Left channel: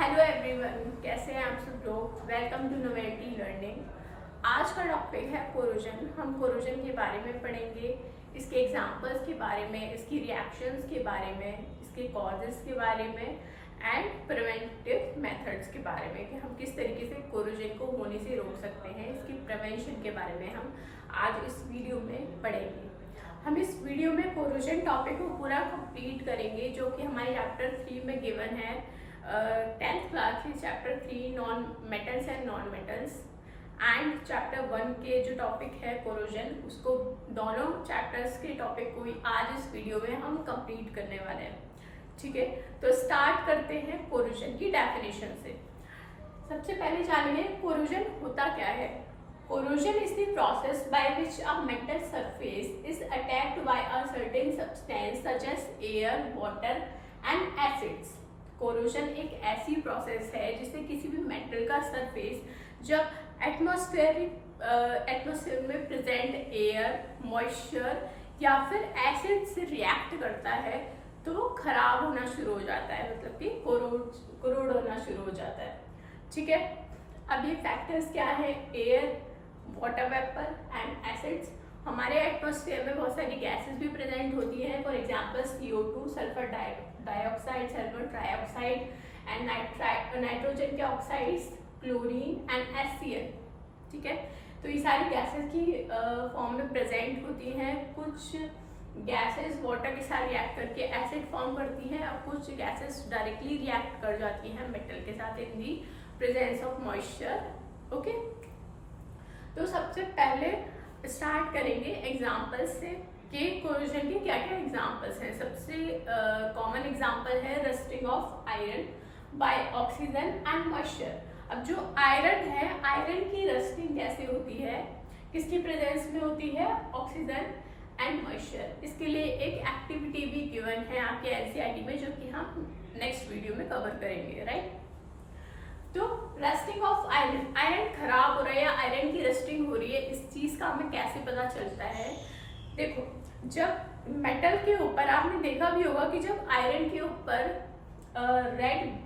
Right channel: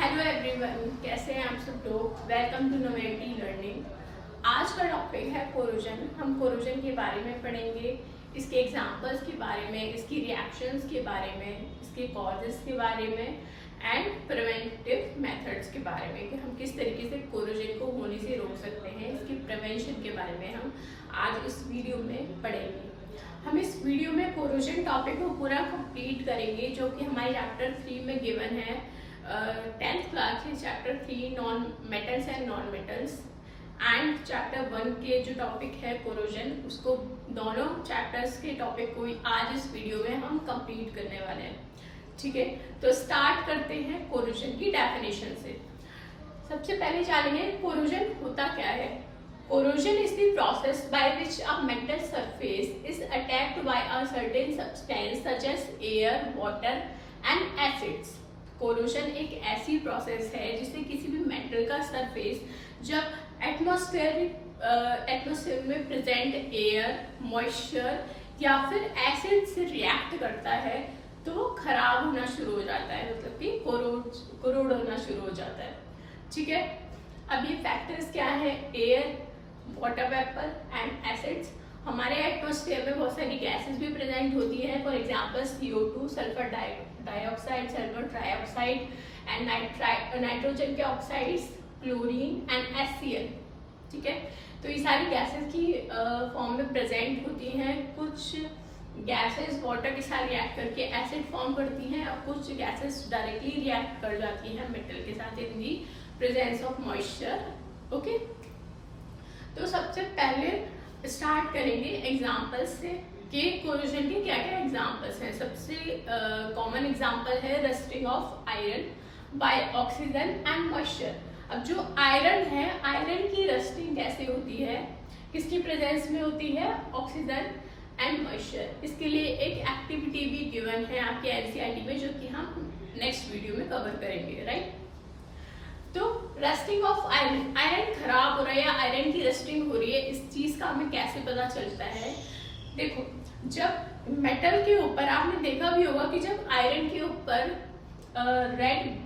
Hello everyone, कैसे हैं आप सब लोग। Welcome to Novelty Learning. आज का टॉपिक है कोरोजन। हम कोरोजन के बारे में पढ़ेंगे, इसके एग्जांपल्स के बारे में, इसकी रिएक्शंस के बारे में, इसके कॉजेस के बारे में एंड प्रिवेंटिव मेथड्स के बारे में कि हम किस तरीके से कोरोजन को होने से रोक सकते हैं। इसकी प्रिवेंशन के बारे में हम आज इस वीडियो में पढ़ेंगे। हम इस वीडियो में कोरोजन टॉपिक को पूरा कंप्लीट करेंगे, जो कि हमारे चैप्टर 3 में गिवन है। 10th क्लास के chapter 3 non metals and non metals and chapter 1 के जो टॉपिक है कोरोजन, उसको दोनों चैप्टर्स के टॉपिक को आज इस वीडियो में हम कंप्लीट करने वाले हैं। ठीक है, तो स्टार्ट करते हैं कोरोजन की डेफिनेशन से। सबसे पहले जानेंगे कोरोजन होता क्या है। Corrosion is the process by which a metal surface is attacked by a certain substance such as air, water and acids. Corrosion एक ऐसी प्रोसेस है जिससे किसी भी मेटल का सरफेस जब एटमॉस्फेयर में प्रेजेंट एयर, मॉइस्चर या फिर एसिड से रिएक्ट करता है तो वो खराब होना शुरू हो जाता है, मतलब कि कोरोड होना शुरू हो जाता है। ठीक है, अब ये फैक्टर्स क्या है? Air, water vapour and acids. हमारे एटमॉस्फेयर में बहुत सारी गैसेस भी प्रेजेंट होती हैं, for example CO2, sulphur dioxide, sulphur trioxide and nitrogen के ऑक्साइड्स, क्लोरीन एंड HCl। ठीक है, तो ये सारी गैसेस की फॉर्म में प्रेजेंट होती हैं। कुछ गैसेस वाटर के साथ रिएक्ट करके एसिड फॉर्म करती हैं और कुछ गैसेस डायरेक्टली रिएक्ट कर जाती हैं मेटल के साथ in the presence of moisture. Okay, तो सबसे पहले स्टार्ट करेंगे एग्जाम्पल्स से कि कोरोजन के क्या क्या एग्जाम्पल्स हैं। सबसे कॉमन एग्जाम्पल है rusting of iron by oxygen and moisture. अब जो आयरन है, आयरन की रस्टिंग कैसे होती है, किसकी प्रेजेंस में होती है? Oxygen and moisture. इसके लिए एक एक्टिविटी भी गिवन है आपके NCERT में, जो कि हम नेक्स्ट वीडियो में कवर करेंगे। राइट, तो रस्टिंग ऑफ आयरन, आयरन खराब हो रहा है या आयरन की रस्टिंग हो रही है, इस चीज का हमें कैसे पता चलता है? देखो, जब मेटल के ऊपर आपने देखा भी होगा कि जब आयरन के ऊपर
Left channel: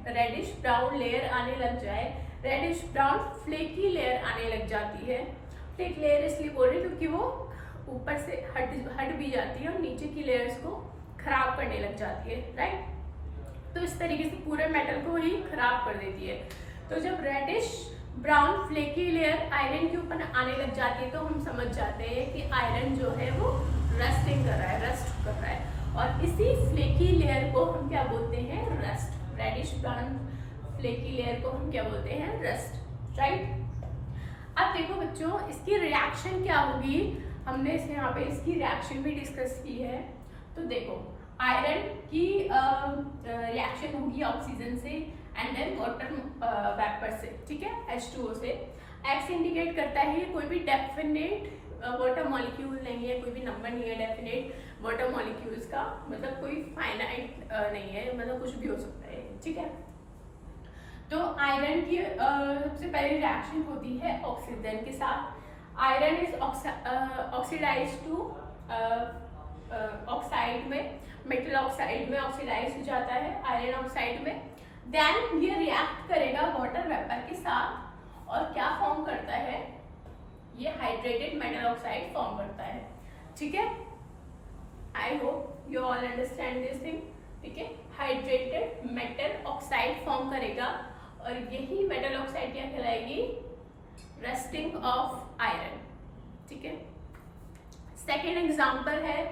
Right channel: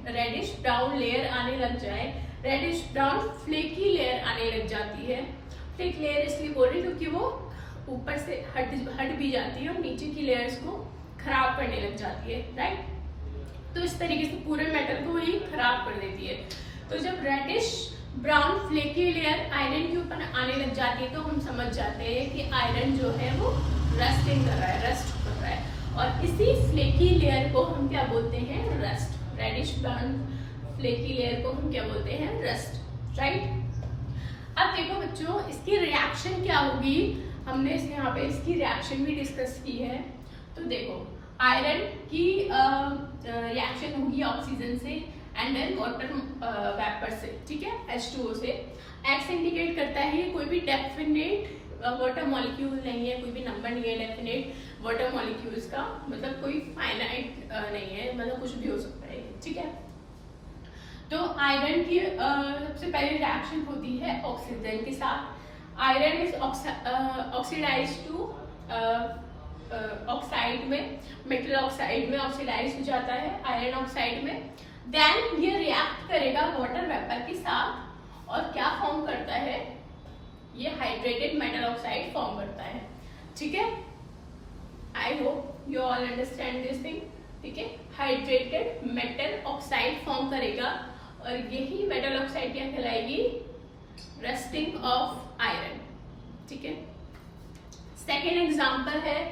रेडिश ब्राउन लेयर आने लग जाए, रेडिश ब्राउन फ्लेकी लेयर आने लग जाती है। फ्लेक लेयर इसलिए बोल रही है क्योंकि वो ऊपर से हट भी जाती है और नीचे की लेयर्स को खराब करने लग जाती है। राइट, तो इस तरीके से पूरे मेटल को ही खराब कर देती है। तो जब reddish brown flaky layer iron के ऊपर आने लग जाती है तो हम समझ जाते हैं कि आयरन जो है वो रस्टिंग कर रहा है, रस्ट कर रहा है। और इसी फ्लेकी लेयर को हम क्या बोलते हैं? Rust. Reddish brown flaky layer को हम क्या बोलते हैं? रस्ट। राइट, अब देखो बच्चों, इसकी रिएक्शन क्या होगी, हमने यहाँ पे इसकी रिएक्शन भी डिस्कस की है। तो देखो, आयरन की रिएक्शन होगी ऑक्सीजन से एंड देन वाटर वेपर से। ठीक है, H2O से। X इंडिकेट करता है कोई भी डेफिनेट वाटर मॉलिक्यूल नहीं है, कोई भी नंबर नहीं है डेफिनेट वाटर मॉलिक्यूल्स का, मतलब कोई फाइनाइट नहीं है, मतलब कुछ भी हो सकता है। ठीक है, तो आयरन की सबसे पहले रिएक्शन होती है ऑक्सीजन के साथ। Iron is oxidise to oxide में, मेटल ऑक्साइड में ऑक्सीडाइज हो जाता है आयरन ऑक्साइड में। देन ये रिएक्ट करेगा वाटर वेपर के साथ और क्या फॉर्म करता है? ये हाइड्रेटेड मेटल ऑक्साइड फॉर्म करता है। ठीक है, I hope you all understand this thing. ठीक है, हाइड्रेटेड मेटल ऑक्साइड फॉर्म करेगा और यही मेटल ऑक्साइड क्या कहलाएगी? Rusting of iron. ठीक है, सेकेंड एग्जाम्पल है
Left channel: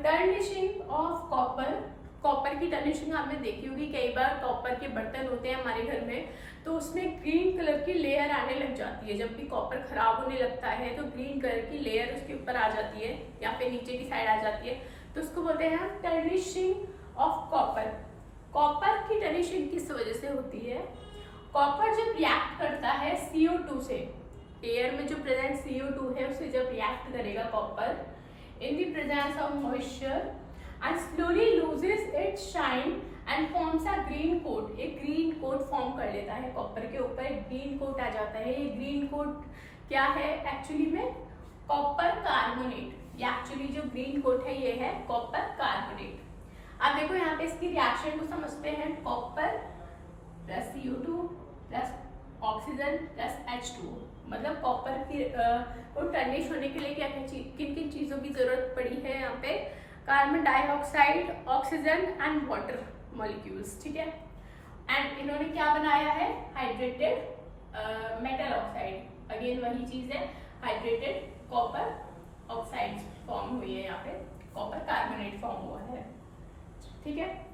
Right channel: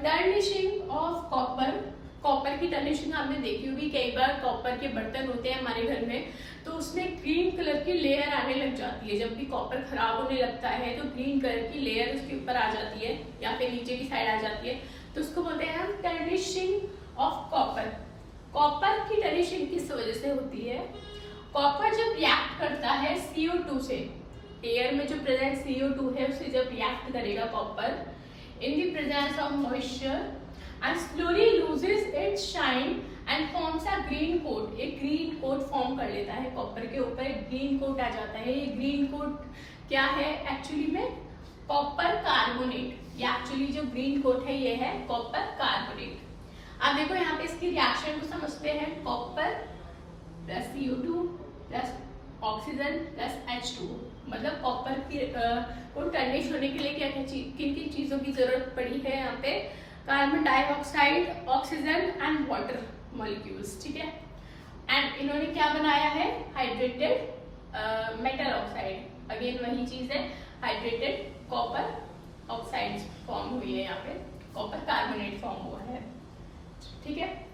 टर्निशिंग ऑफ कॉपर। कॉपर की टर्निशिंग आपने देखी होगी, कई बार कॉपर के बर्तन होते हैं हमारे घर में, तो उसमें ग्रीन कलर की लेयर आने लग जाती है। जब भी कॉपर खराब होने लगता है तो ग्रीन कलर की लेयर उसके ऊपर आ जाती है या फिर नीचे की साइड आ जाती है, तो उसको बोलते हैं हम टर्निशिंग ऑफ कॉपर। कॉपर की टर्निशिंग किस वजह से होती है? कॉपर जब रिएक्ट करता है CO2 से, एयर में जो प्रेजेंट CO2 है उससे जब रिएक्ट करेगा copper in the presence of moisture and slowly loses its shine and forms a green coat। एक ग्रीन कोट फॉर्म कर लेता है कॉपर के ऊपर, एक ग्रीन कोट आ जाता है। ये ग्रीन कोट क्या है एक्चुअली में? Copper carbonate. ये एक्चुअली जो ग्रीन कोट है ये है कॉपर कार्बोनेट। अब देखो यहाँ पे इसकी रिएक्शन को समझते हैं। Copper oxygen plus H2O। मतलब कॉपर की को टर्निश होने के लिए क्या क्या किन किन चीजों की जरूरत पड़ी है यहाँ पे, carbon dioxide, oxygen and water molecules, ठीक है। एंड इन्होंने क्या बनाया है, हाइड्रेटेड मेटल ऑक्साइड, अगेन वही चीज है, हाइड्रेटेड कॉपर ऑक्साइड फॉर्म हुई है यहाँ पे, कॉपर कार्बोनेट फॉर्म हुआ है, ठीक है।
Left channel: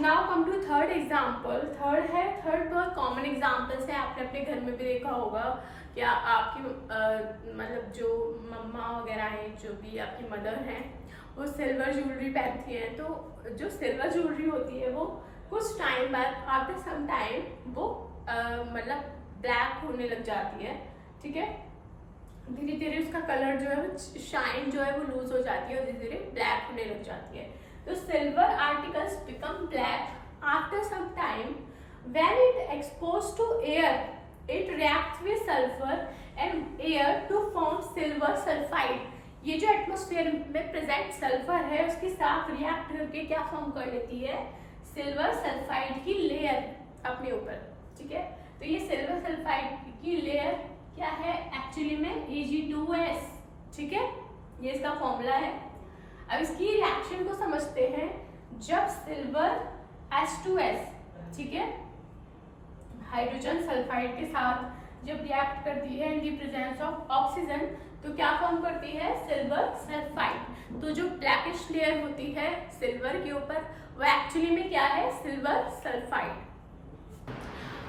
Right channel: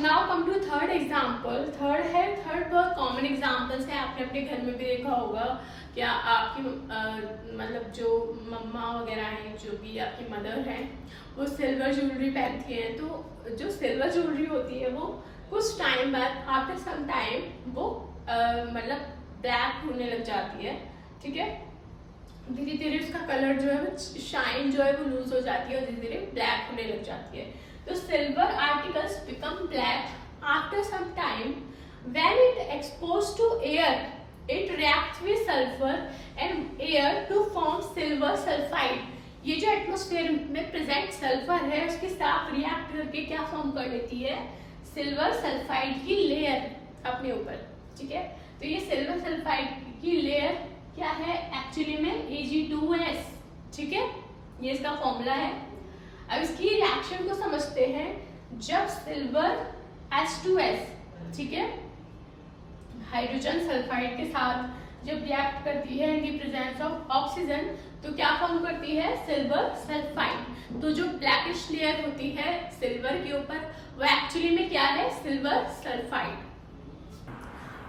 Now come to third example. Third बहुत कॉमन एग्जाम्पल्स है, आपने अपने घर में भी देखा होगा। क्या आपकी मतलब जो मम्मा वगैरह हैं, जो भी आपकी मदर हैं, वो सिल्वर ज्वेलरी पहनती हैं, तो जो सिल्वर ज्वेलरी होती है वो कुछ टाइम बाद, आफ्टर सम टाइम, वो मतलब ब्लैक होने लग जाती है, ठीक है। धीरे धीरे उसका कलर जो है, शाइन जो है वो लूज हो जाती है और धीरे धीरे ब्लैक होने लग जाती है। तो silver articles become black after some time when it exposed to air, it reacts with sulphur and air to form silver sulphide. ये जो एटमॉस्फेयर में प्रेजेंट सल्फर है, उसके साथ रिएक्ट करके क्या फॉर्म कर लेती है, सिल्वर सल्फाइड की लेयर अपने ऊपर, ठीक है। तो ये सिल्वर सल्फाइड की लेयर क्या है, एक्चुअली में Ag2S, ठीक है, ये इसका फॉर्मूला है। अब इसकी रिएक्शन को समझते हैं। जब सिल्वर H2S, ठीक है, हाइड्रोजन सल्फाइड के साथ जब रिएक्ट करती है in the presence of oxygen, तो क्या फॉर्म करती है, सिल्वर सल्फाइड। तो जो ब्लैकिश लेयर होती है सिल्वर के ऊपर, वो एक्चुअली में क्या है, सिल्वर सल्फाइड।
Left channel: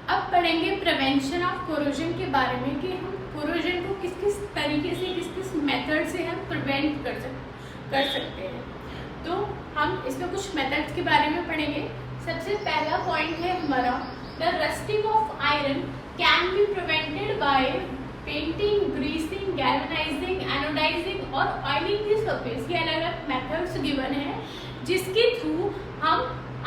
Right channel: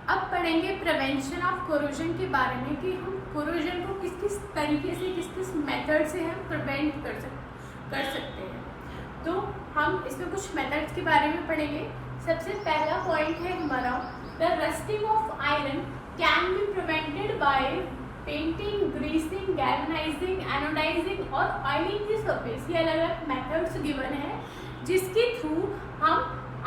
अब पढ़ेंगे प्रिवेंशन ऑफ कोरोजन के बारे में, कि हम कोरोजन को किस किस तरीके से, किस किस मेथड से हम प्रिवेंट कर सकते हैं। तो हम इसमें कुछ मेथड्स के बारे में पढ़ेंगे। सबसे पहला पॉइंट है हमारा, the rusting of iron can be prevented by painting, greasing, galvanising, anodising और ऑयलिंग द सरफेस। ये अलग अलग मेथड्स गिवन है जिसके थ्रू हम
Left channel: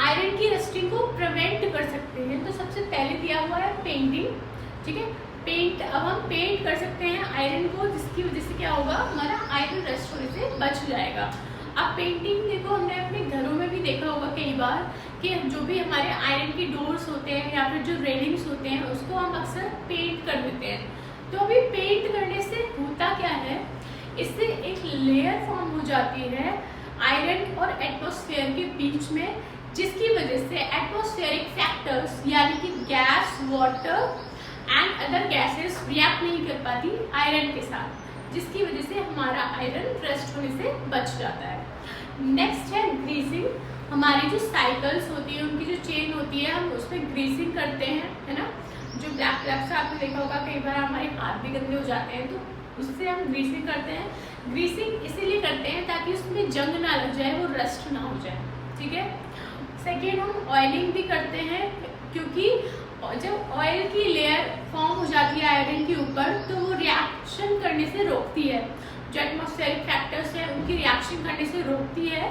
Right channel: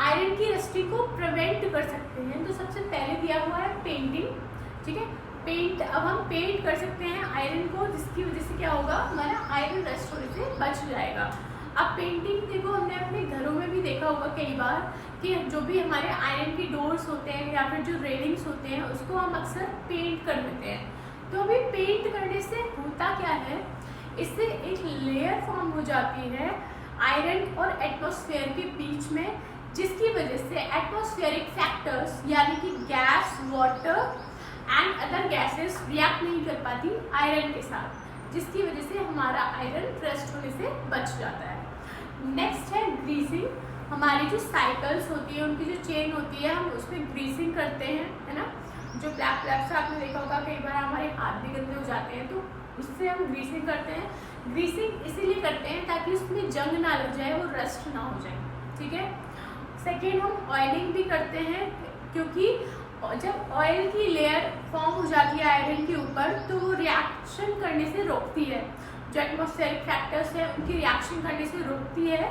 आयरन की रस्टिंग को प्रिवेंट कर सकते हैं। तो सबसे पहले दिया हुआ है पेंटिंग, ठीक है। पेंट, अब हम पेंट कर सकते हैं आयरन को, जिसकी वजह से क्या होगा, हमारा आयरन रस्ट होने से बच जाएगा। अब पेंटिंग देखो, हमने अपने घरों में भी देखा होगा कई बार कि जो भी हमारे आयरन की डोर्स होते हैं या फिर जो रेलिंग्स होते हैं, उसको हम अक्सर पेंट कर देते हैं। तो अभी पेंट करने से होता क्या है, इससे एक लेयर फॉर्म हो जाती है आयरन और एटमॉस्फेयर के बीच में, जिसकी वजह से एटमॉस्फेरिक फैक्टर्स यानी कि gas, water and other gases react नहीं कर पाती आयरन के साथ, जिसकी वजह से हमारा आयरन रस्ट होने से बच जाता है। नेक्स्ट है ग्रीसिंग। हमारी जो साइकिल्स होती है, उनकी जो चेन होती है, हम उसमें ग्रीसिंग करते हैं, है ना। जो ब्लैक से आपने देखा होगा, कई बार हमारे हाथ भी गंदे हो जाते हैं, तो उससे हम ग्रीसिंग करते हैं। ग्रीसिंग इसीलिए करते हैं ताकि उसमें जंग ना लग जाए, वो रस्ट ना हो जाए, ठीक है। सेकेंड, हम ऑयलिंग भी करते हैं, क्योंकि जब ऑयल की लेयर फॉर्म हो जाती है आयरन के ऊपर, तो वो रिएक्शन करने से रोकती है। जो एटमॉस्फेरिक फैक्टर्स है, उनकी रिएक्शन करने से रोकती है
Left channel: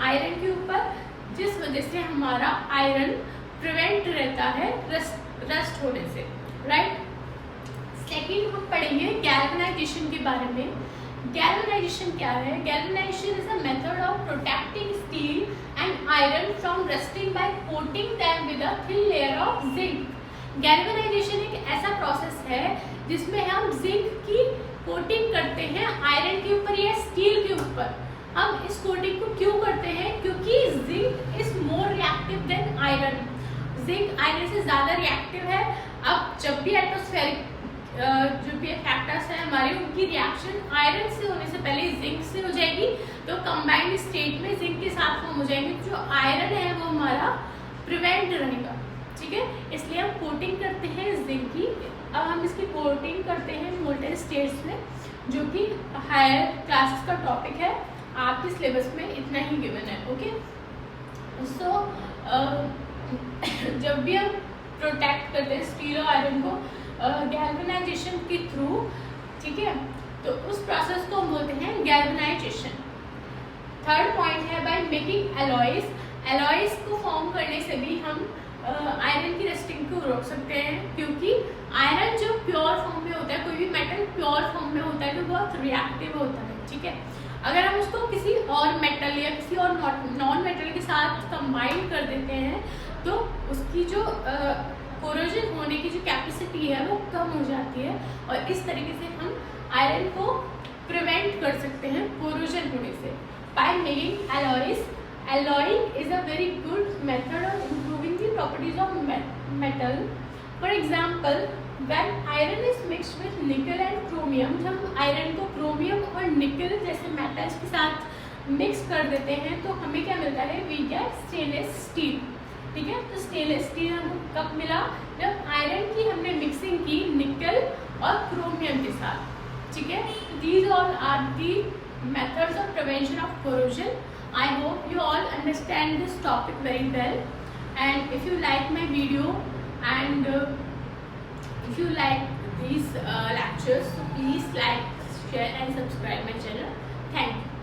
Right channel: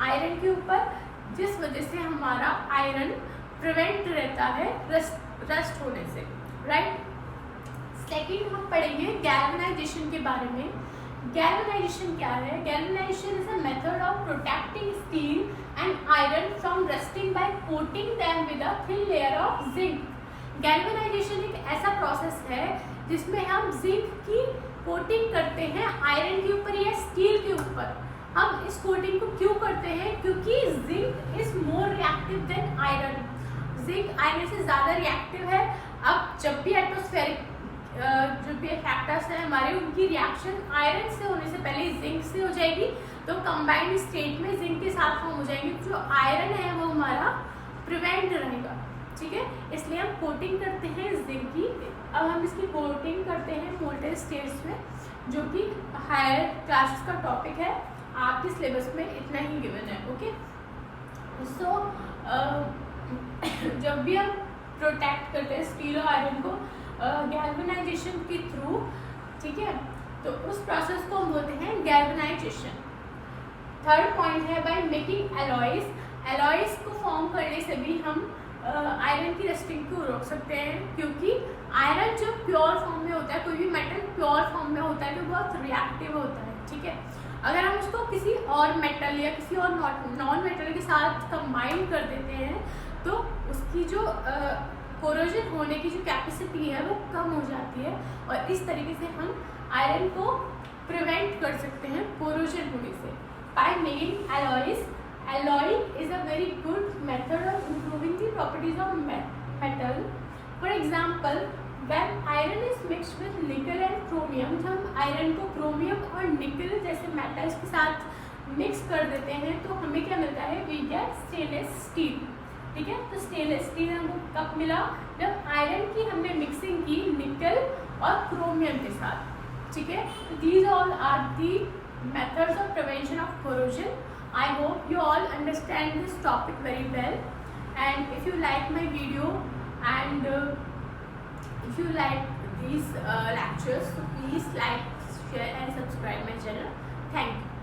आयरन के ऊपर, जिस वजह से हमारा आयरन प्रिवेंट रहता है रस्ट होने से, राइट। सेकेंड, हम पढ़ेंगे गैल्वेनाइजेशन के बारे में। गैल्वेनाइजेशन क्या है? Galvanisation is a method of protecting steel and iron from rusting by coating them with a thin layer of zinc. Galvanisation एक ऐसा प्रोसेस है जिसमें हम जिंक की कोटिंग करते हैं आयरन के ऊपर या स्टील के ऊपर। हम इस कोटिंग को क्यों करते हैं? क्योंकि zinc is more reactive than iron. Zinc iron से ज्यादा रिएक्टिव है। अब जब भी एटमॉस्फेरिक जो भी फैक्टर्स हैं हमारे, उनकी रिएक्शन आयरन से होने से पहले जिंक से हो जाएगी, तो कंबाइंड स्टेट में जिंक के साथ फॉर्म हो जाएंगे। जो आयरन है वो हमारा प्रिवेंट रहेगा, ठीक है। इसलिए हम कोटिंग करते हैं जिंक की। अब हम इसकी कोटिंग करते हैं मोल्टेन स्टेट्स में, जो कि हायर क्लासेस का टॉपिक है। आपके सिलेबस में इतना ही गिवन है, ओके। सो जब भी हम प्रोटेक्ट करते हैं स्टील और आयरन को गैल्वेनाइजेशन के थ्रू, ठीक है, तो उस प्रोसेस को हम बोलते हैं गैल्वेनाइजेशन। थर्ड पॉइंट है बाय मेकिंग एलॉयज। एलॉयज को फॉर्म करने से भी हम आयरन की रस्टिंग को रोक सकते हैं, क्योंकि आयरन जो प्योर फॉर्म में होता है, कोई भी मेटल प्योर फॉर्म में होता है तो बहुत रिएक्टिव होता है, ठीक है। अगर हम उसको किसी और मेटल या किसी और नॉन मेटल के साथ कंबाइन कर देते हैं, तो उसकी जो कोरोजन होने की जो कैपेसिटी है वो कम हो जाती है, और इस तरीके से हम आयरन को प्रिवेंट कर सकते हैं कोरोजन होने से by making alloys. Alloy is a very good method of improving the properties of metal. For example, when iron is mixed with nickel and chromium, जब हम आयरन को क्रोमियम और निकल जैसे मेटल्स के साथ मिक्स कर देते हैं तो हमें क्या मिलता है, वी गेट स्टेनलेस स्टील. ठीक है, तो स्टेनलेस स्टील हमको कब मिला, जब आयरन की हमने मिक्सिंग की निकल और क्रोमियम के साथ. ठीक है, तो these all are the methods of prevention of corrosion. I hope you all understand this topic very well, and if you like my video and if you like these lectures, so please like, share and subscribe my channel. Thank you.